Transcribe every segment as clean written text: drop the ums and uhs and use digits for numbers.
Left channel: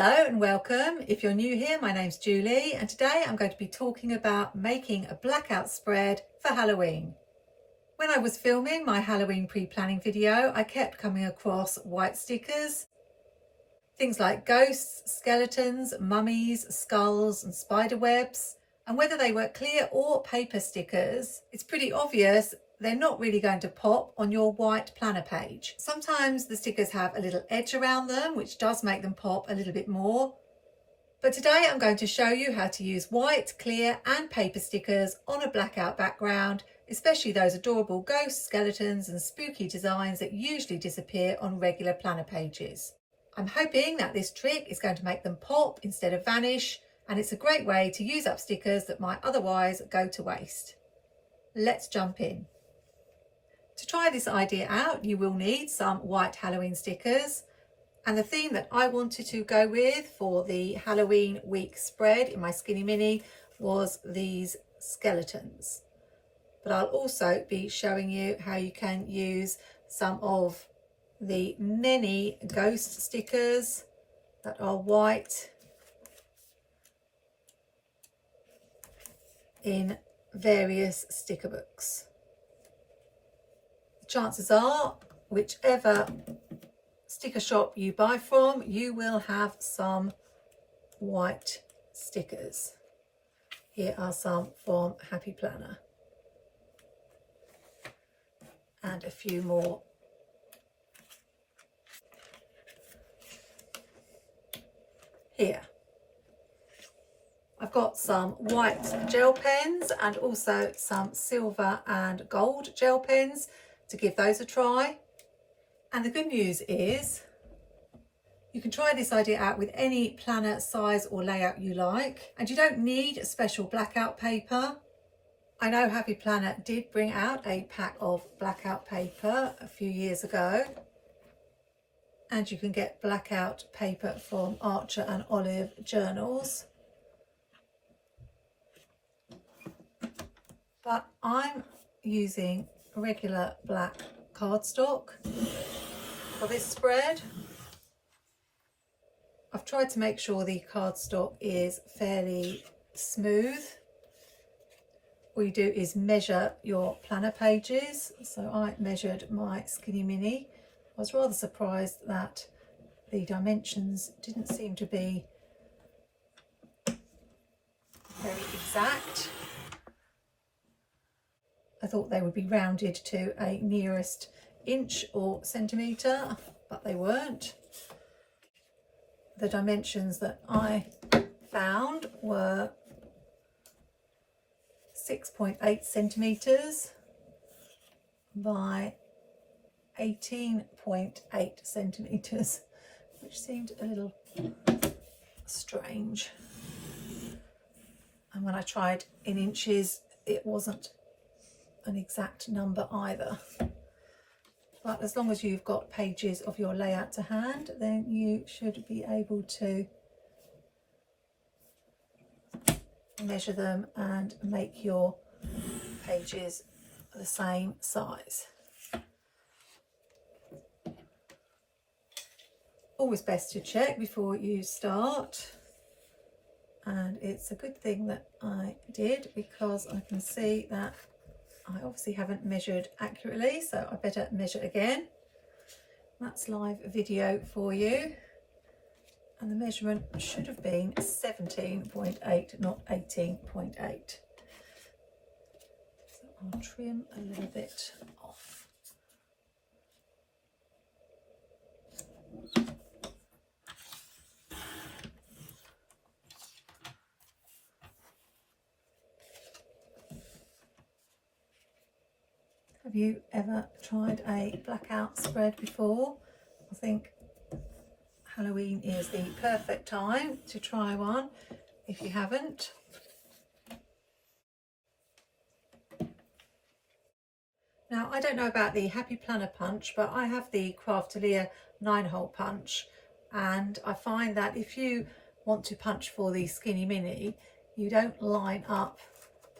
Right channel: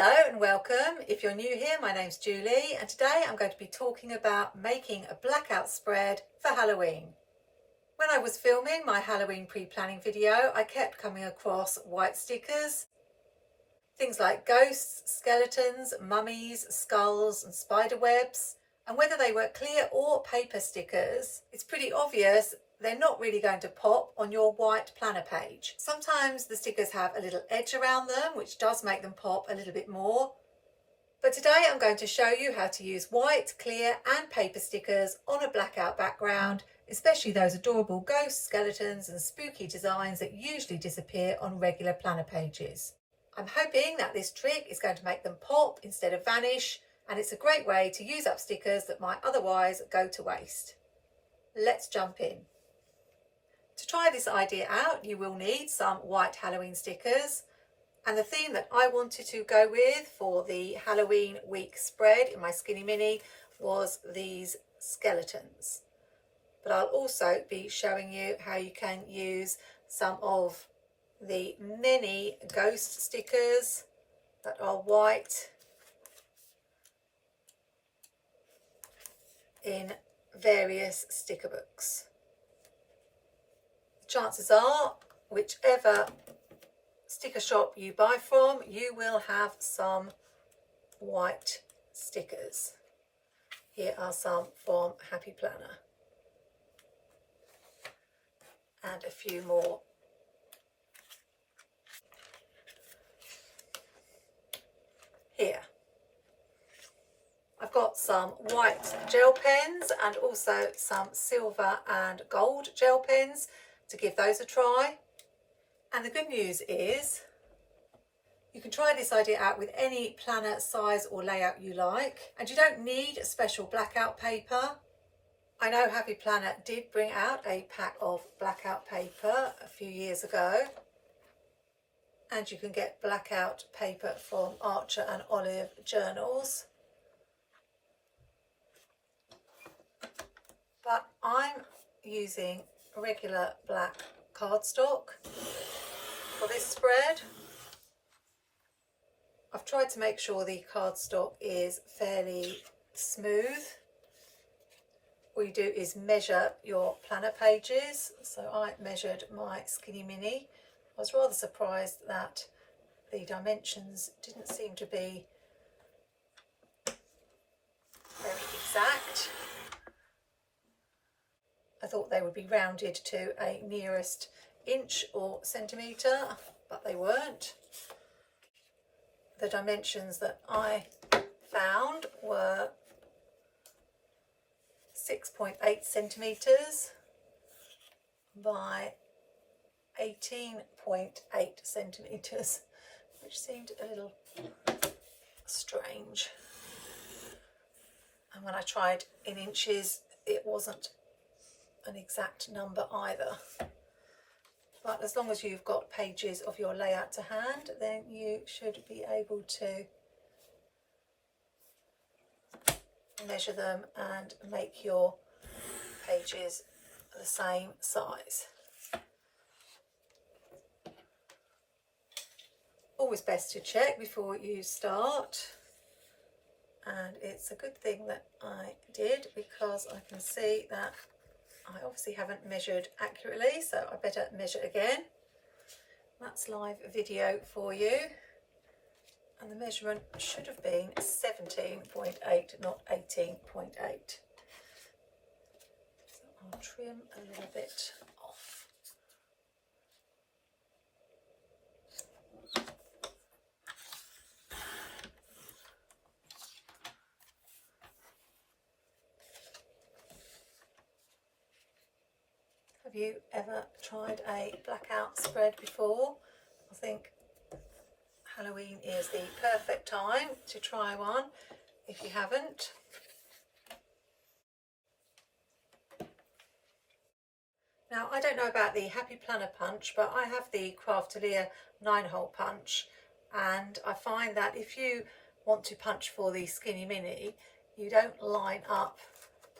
Hello and welcome. If you're new here, my name's Julie and today I'm going to be talking about making a blackout spread for Halloween. When I was filming my Halloween pre-planning video, I kept coming across white stickers. Things like ghosts, skeletons, mummies, skulls and spider webs. And whether they were clear or paper stickers, it's pretty obvious they're not really going to pop on your white planner page. Sometimes the stickers have a little edge around them, which does make them pop a little bit more. But today I'm going to show you how to use white, clear and paper stickers on a blackout background, especially those adorable ghosts, skeletons and spooky designs that usually disappear on regular planner pages. I'm hoping that this trick is going to make them pop instead of vanish, and it's a great way to use up stickers that might otherwise go to waste. Let's jump in. To try this idea out, you will need some white Halloween stickers, and the theme that I wanted to go with for the Halloween week spread in my Skinny Mini was these skeletons. But I'll also be showing you how you can use some of the many ghost stickers that are white in various sticker books. Chances are, whichever sticker shop you buy from, you will have some white stickers. Here are some from Happy Planner and a few more. Here I've got some white gel pens and also some silver and gold gel pens to give those a try. And the good news is you can try this idea out with any planner size or layout you like, and you don't need a special blackout paper. I know Happy Planner did bring out a pack of blackout paper a few years ago, and you can get blackout paper from Archer and Olive journals. But I'm using regular black cardstock for this spread. I've tried to make sure the cardstock is fairly smooth. What you do is measure your planner pages. So I measured my Skinny Mini. I was rather surprised that the dimensions didn't seem to be very exact. I thought they would be rounded to a nearest inch or centimetre, but they weren't. The dimensions that I found were 6.8 centimetres by 18.8 centimetres, which seemed a little strange. And when I tried in inches, it wasn't an exact number either. But as long as you've got pages of your layout to hand, then you should be able to measure them and make your pages the same size. Always best to check before you start, and it's a good thing that I did because I can see that I obviously haven't measured accurately, so I better measure again. That's live video for you, and the measurement should have been 17.8, not 18.8. So I'll trim a little bit off. Have you ever tried a blackout spread before? I think Halloween is the perfect time to try one if you haven't. Now, I don't know about the Happy Planner punch, but I have the Craftalia 9-hole punch, and I find that if you want to punch for the Skinny Mini, you don't line up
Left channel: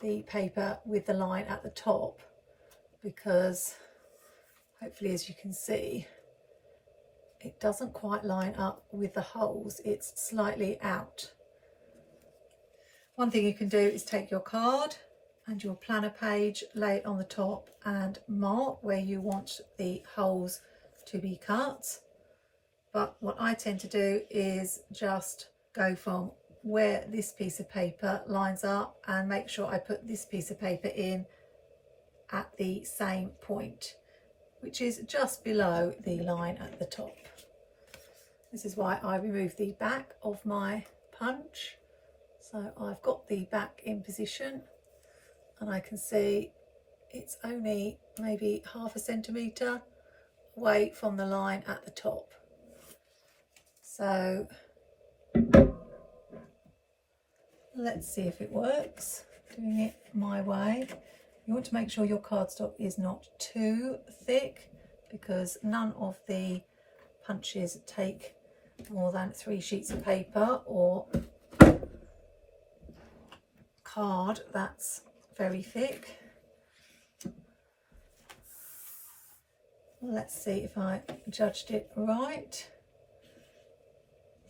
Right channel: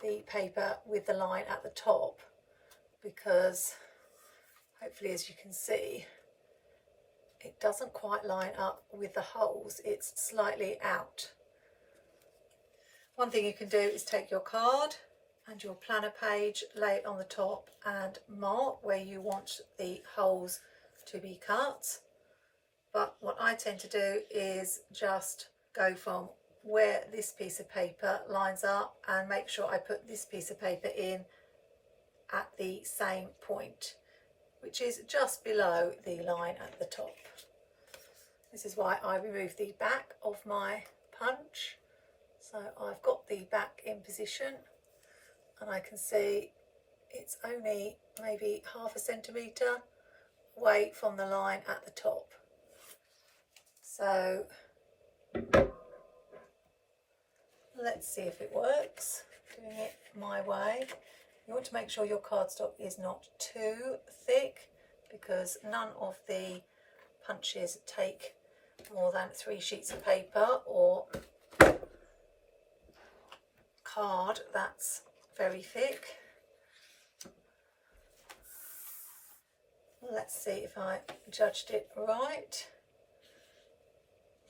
the paper with the line at the top, because hopefully, as you can see, it doesn't quite line up with the holes, it's slightly out. One thing you can do is take your card and your planner page, lay it on the top and mark where you want the holes to be cut. But what I tend to do is just go from where this piece of paper lines up and make sure I put this piece of paper in at the same point, which is just below the line at the top. This is why I remove the back of my punch. So I've got the back in position and I can see it's only maybe ½ centimetre away from the line at the top. So let's see if it works. Doing it my way. You want to make sure your cardstock is not too thick because none of the punches take more than 3 sheets of paper or card that's very thick. Let's see if I judged it right.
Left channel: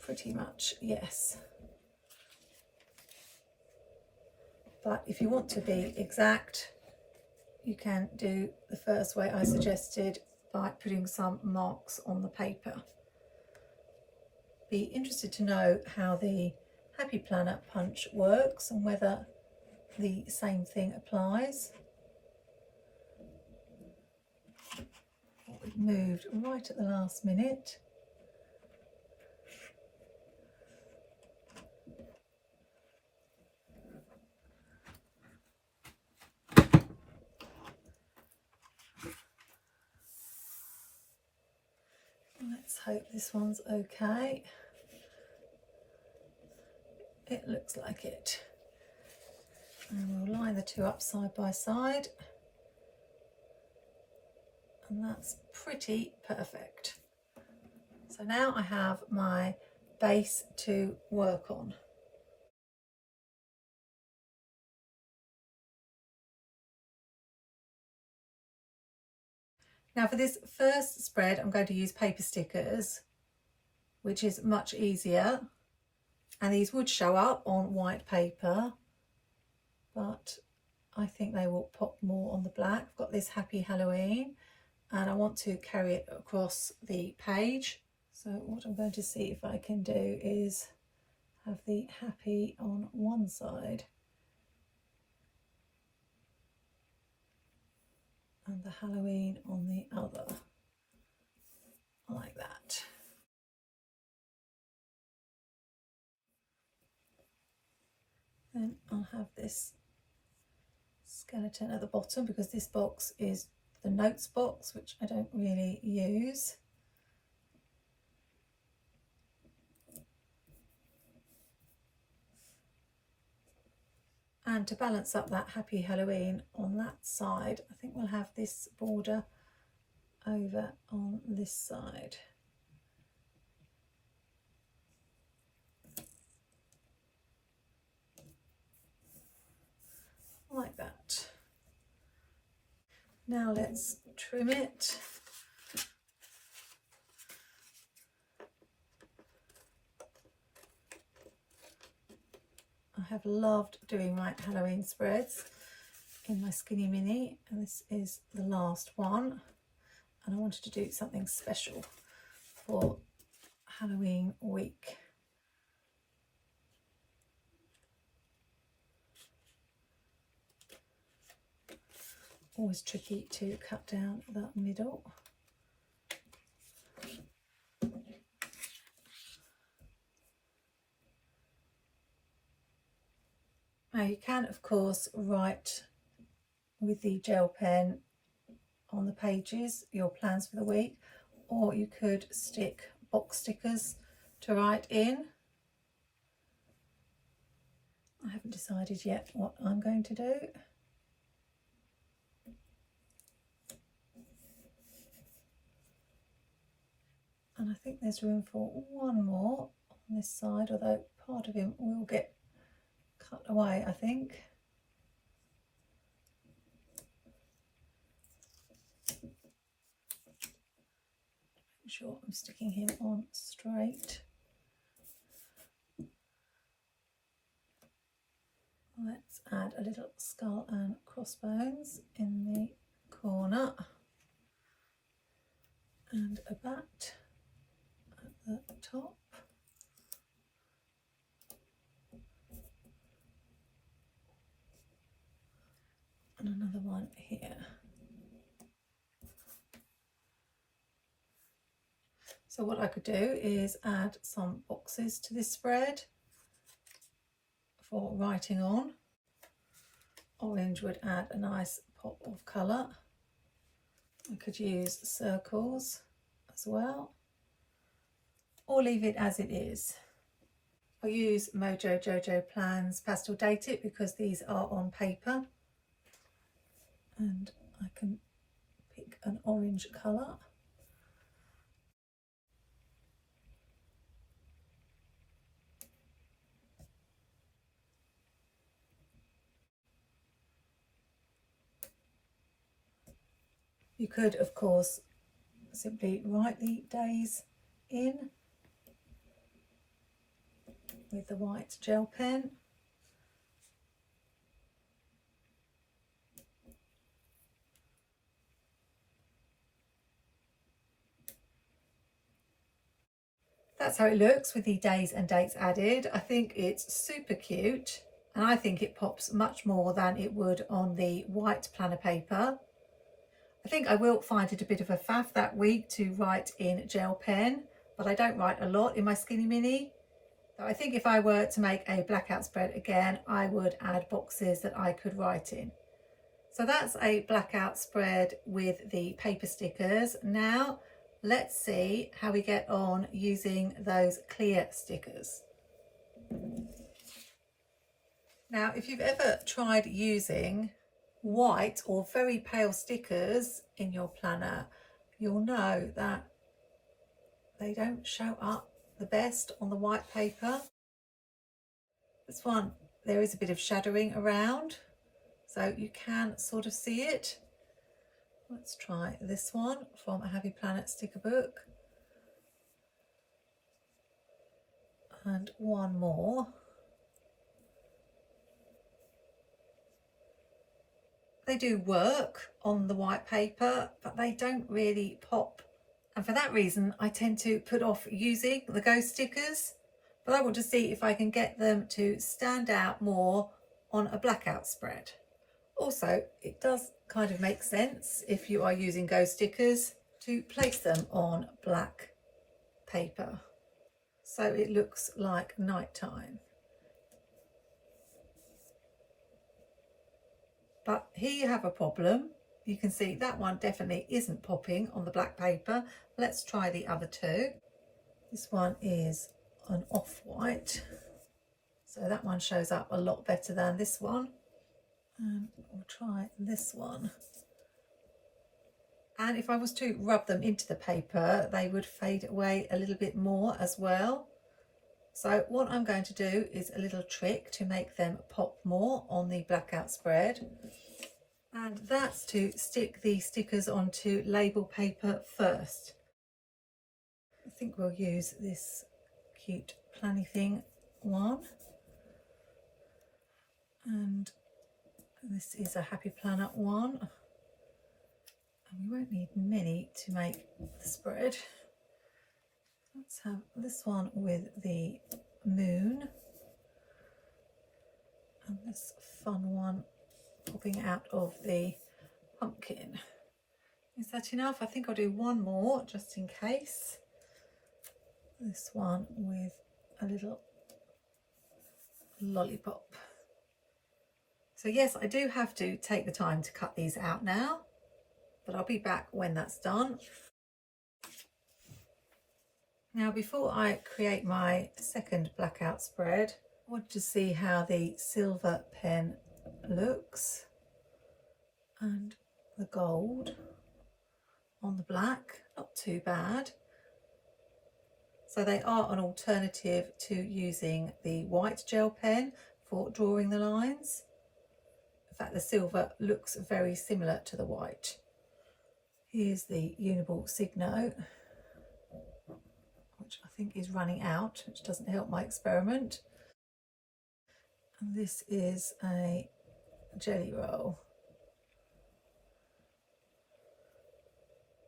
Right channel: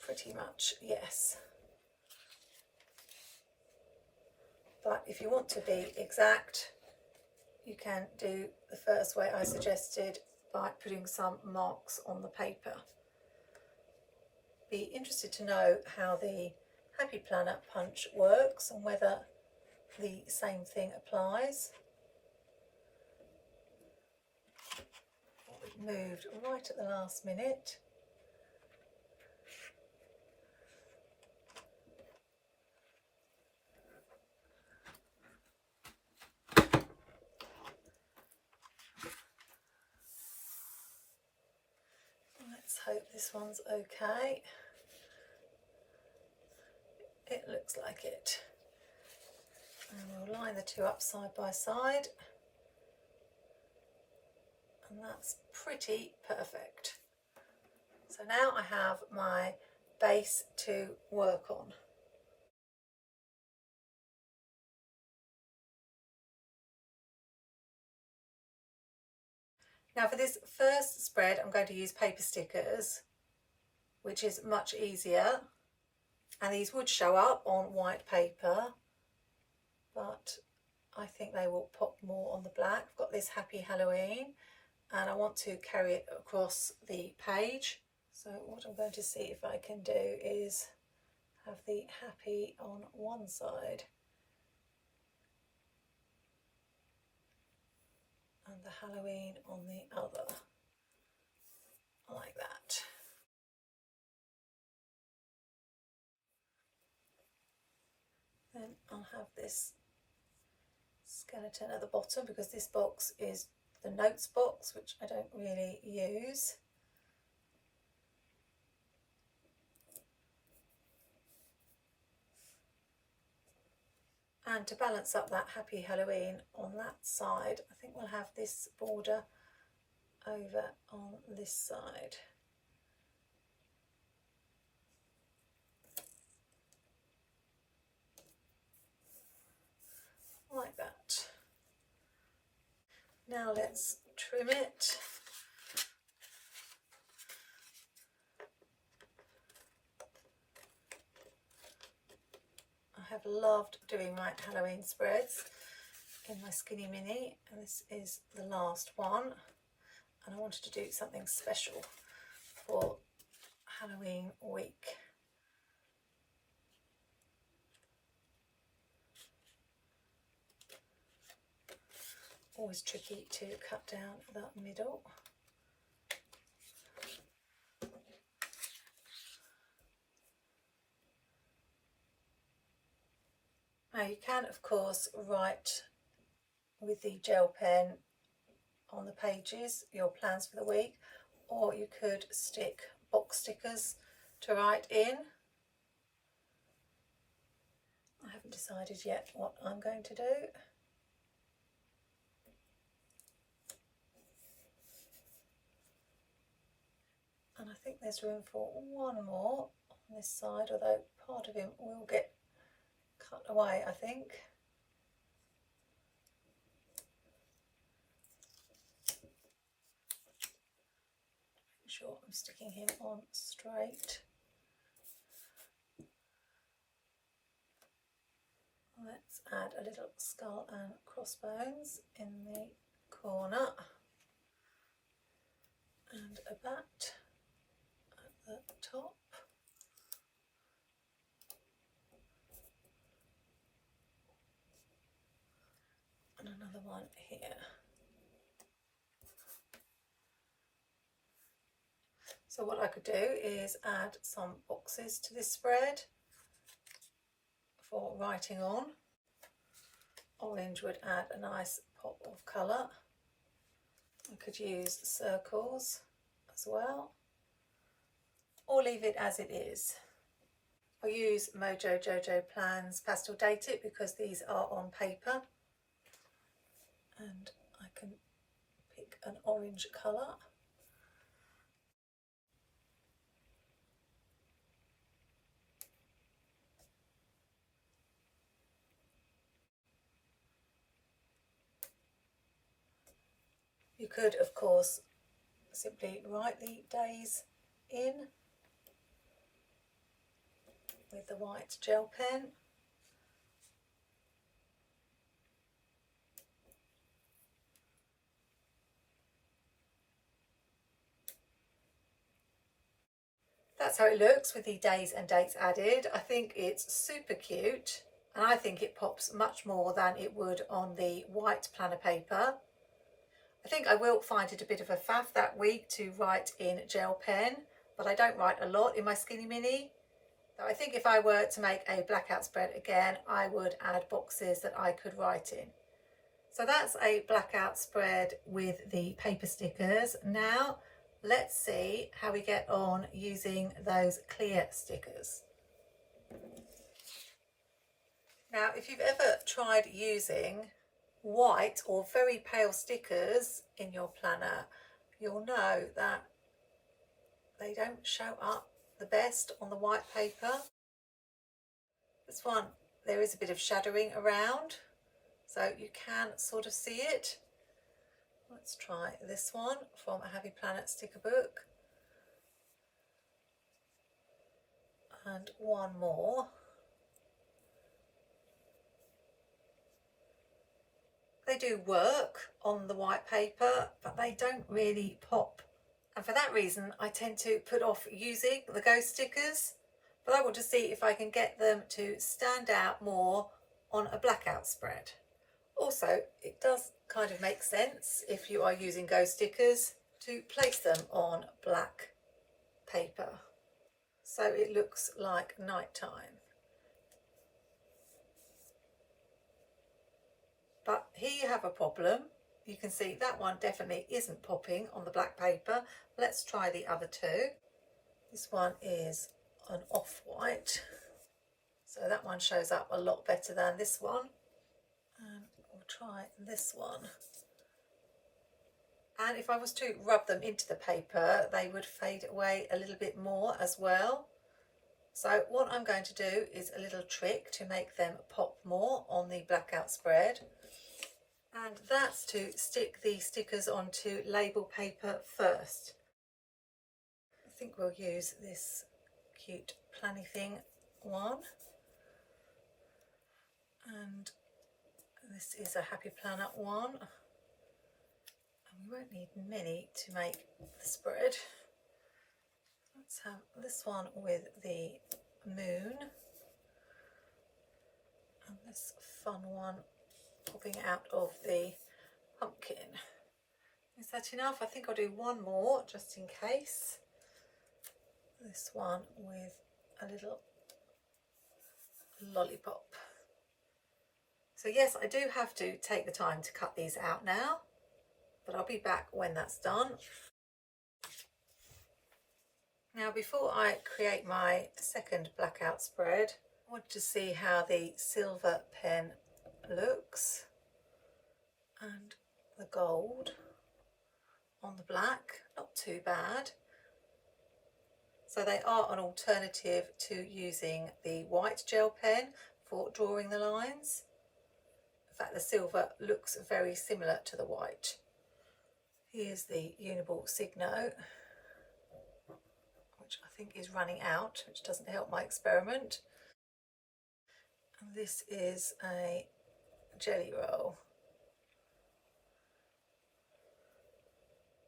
Pretty much, yes. But if you want to be exact, you can do the first way I suggested by putting some marks on the paper. Be interested to know how the Happy Planner punch works and whether the same thing applies. It moved right at the last minute. Let's hope this one's okay. It looks like it. And we'll line the two up side by side. And that's pretty perfect. So now I have my base to work on. Now for this first spread, I'm going to use paper stickers, which is much easier. And these would show up on white paper, but I think they will pop more on the black. I've got this Happy Halloween and I want to carry it across the page. So what I'm going to see if I can do is have the Happy on one side and the Halloween on the other, like that. Then I'll have this skeleton at the bottom because this box is the notes box, which I don't really use. And to balance up that Happy Halloween on that side, I think we'll have this border over on this side. Like that. Now let's trim it. I have loved doing my Halloween spreads in my Skinny Mini, and this is the last one, and I wanted to do something special for Halloween week. Always tricky to cut down that middle. Now you can of course write with the gel pen on the pages your plans for the week, or you could stick box stickers to write in. I haven't decided yet what I'm going to do. And I think there's room for one more on this side, although part of him will get cut away, I think. Make sure I'm sticking him on straight. Let's add a little skull and crossbones in the corner and a bat at the top. And another one here. So what I could do is add some boxes to this spread for writing on. Orange would add a nice pop of colour. I could use circles as well, or leave it as it is. I'll use MojoJojoPlans Pastel Date It because these are on paper, and I can pick an orange colour. You could, of course, simply write the days in with the white gel pen. That's how it looks with the days and dates added. I think it's super cute, and I think it pops much more than it would on the white planner paper. I think I will find it a bit of a faff that week to write in gel pen, but I don't write a lot in my Skinny Mini. So I think if I were to make a blackout spread again, I would add boxes that I could write in. So that's a blackout spread with the paper stickers. Now let's see how we get on using those clear stickers. Now, if you've ever tried using white or very pale stickers in your planner, you'll know that they don't show up the best on the white paper. This one, there is a bit of shadowing around, so you can sort of see it. Let's try this one from a Happy Planet sticker book, and one more. They do work on the white paper, but they don't really pop. And for that reason, I tend to put off using the ghost stickers, but I want to see if I can get them to stand out more on a blackout spread. Also, it does kind of make sense if you are using ghost stickers to place them on black paper, so it looks like nighttime. But here you have a problem. You can see that one definitely isn't popping on the black paper. Let's try the other two. This one is an off-white, so that one shows up a lot better than this one. And we'll try this one. And if I was to rub them into the paper, they would fade away a little bit more as well. So what I'm going to do is a little trick to make them pop more on the blackout spread. And that's to stick the stickers onto label paper first. I think we'll use this cute Planything one. And this is a Happy Planner one. And we won't need many to make the spread. Let's have this one with the moon. And this fun one popping out of the pumpkin. Is that enough? I think I'll do one more just in case. This one with a little lollipop. So yes, I do have to take the time to cut these out now, but I'll be back when that's done. Now, before I create my second blackout spread, I want to see how the silver pen looks and the gold on the black, not too bad. So they are an alternative to using the white gel pen for drawing the lines. In fact, the silver looks very similar to the white. Here's the Uniball Signo. think is running out, which doesn't help my experiment. And this is a jelly roll.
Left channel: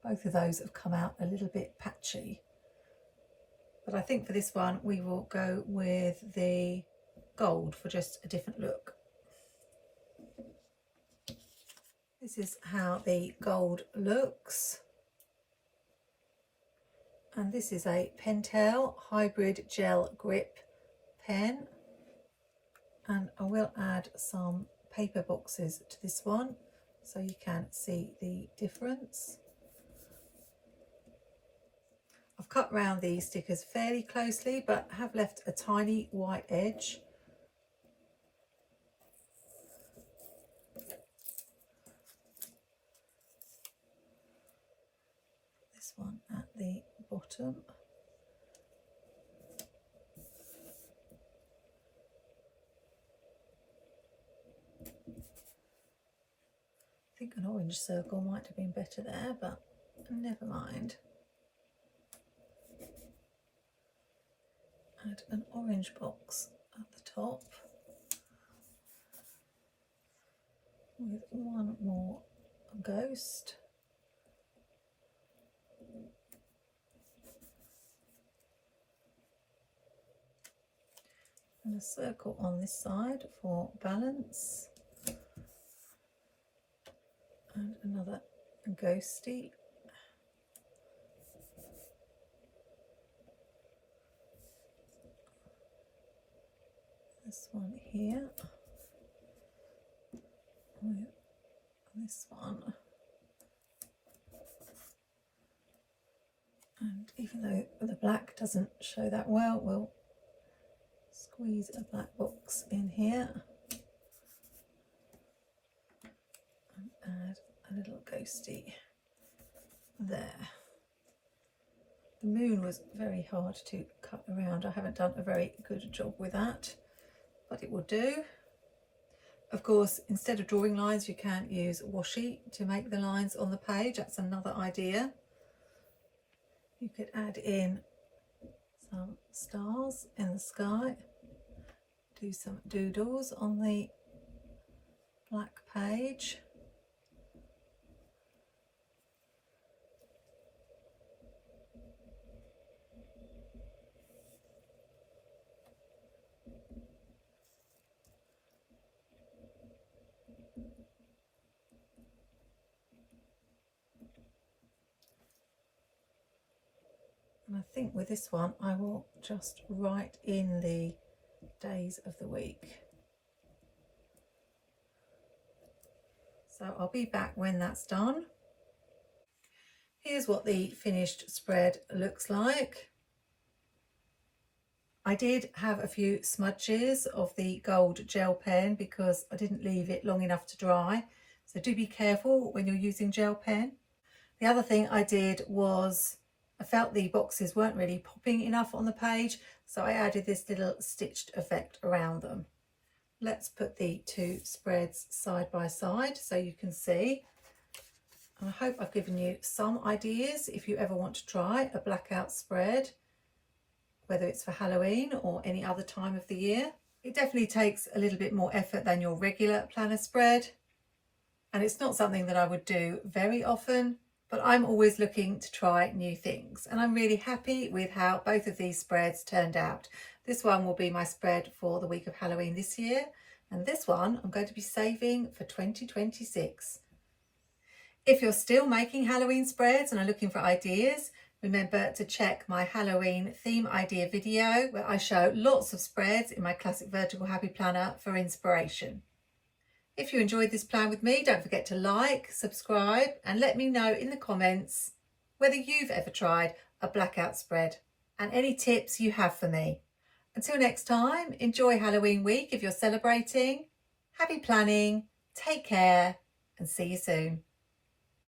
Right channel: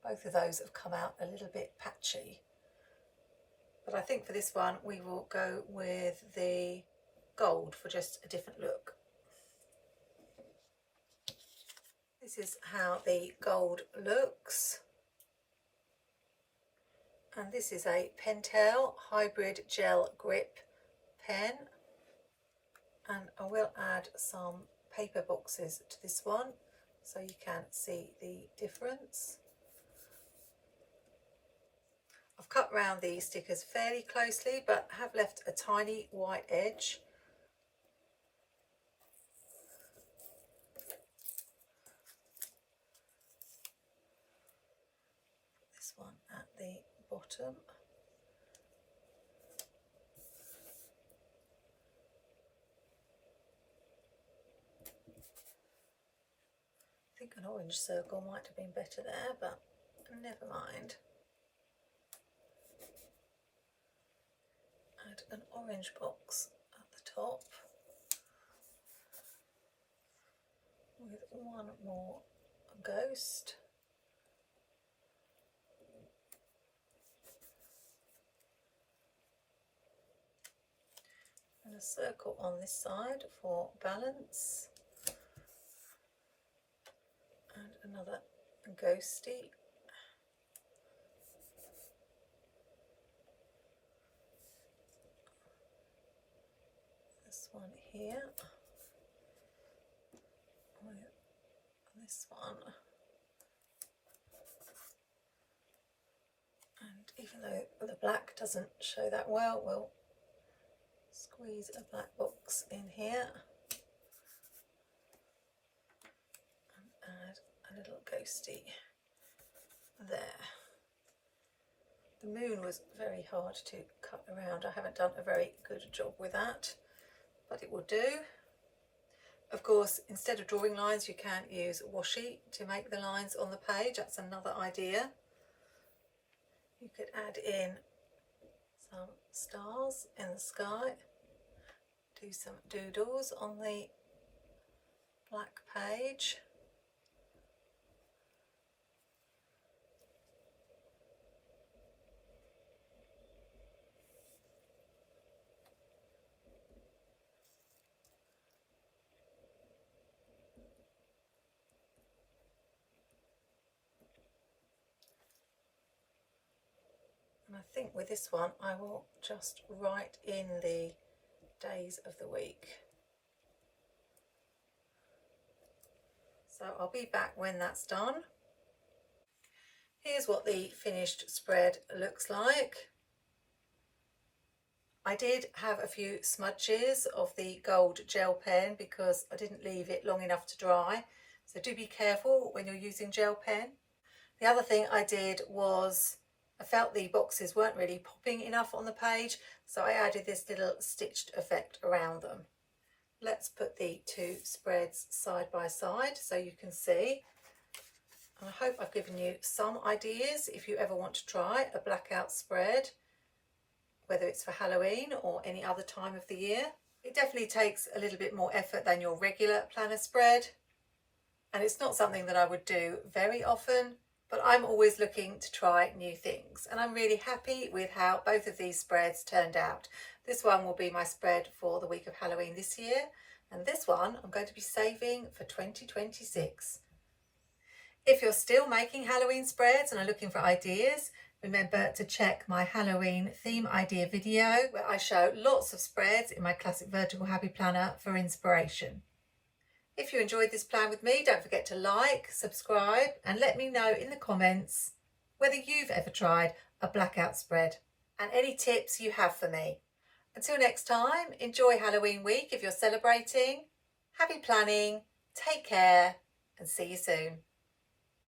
Both of those have come out a little bit patchy, but I think for this one we will go with the gold for just a different look. This is how the gold looks, and this is a Pentel hybrid gel grip pen, and I will add some paper boxes to this one so you can see the difference. I've cut round the stickers fairly closely, but have left a tiny white edge. This one at the bottom. I think an orange circle might have been better there, but never mind. Add an orange box at the top with one more ghost. And a circle on this side for balance. And another ghosty. This one here with this one, and even though the black doesn't show that well, we'll squeeze a black box in here and add a little ghosty there. The moon was very hard to cut around. I haven't done a very good job with that, but it will do. Of course, instead of drawing lines, you can use washi to make the lines on the page. That's another idea. You could add in some stars in the sky, do some doodles on the black page. And I think with this one I will just write in the days of the week. So I'll be back when that's done. Here's what the finished spread looks like. I did have a few smudges of the gold gel pen because I didn't leave it long enough to dry. So do be careful when you're using gel pen. The other thing I did was I felt the boxes weren't really popping enough on the page, so I added this little stitched effect around them. Let's put the two spreads side by side so you can see. And I hope I've given you some ideas if you ever want to try a blackout spread, whether it's for Halloween or any other time of the year. It definitely takes a little bit more effort than your regular planner spread, and it's not something that I would do very often, but I'm always looking to try new things, and I'm really happy with how both of these spreads turned out. This one will be my spread for the week of Halloween this year, and this one I'm going to be saving for 2026. If you're still making Halloween spreads and are looking for ideas, remember to check my Halloween theme idea video where I show lots of spreads in my classic vertical happy planner for inspiration. If you enjoyed this plan with me, don't forget to like, subscribe, and let me know in the comments whether you've ever tried a blackout spread and any tips you have for me. Until next time, enjoy Halloween week if you're celebrating. Happy planning, take care, and see you soon.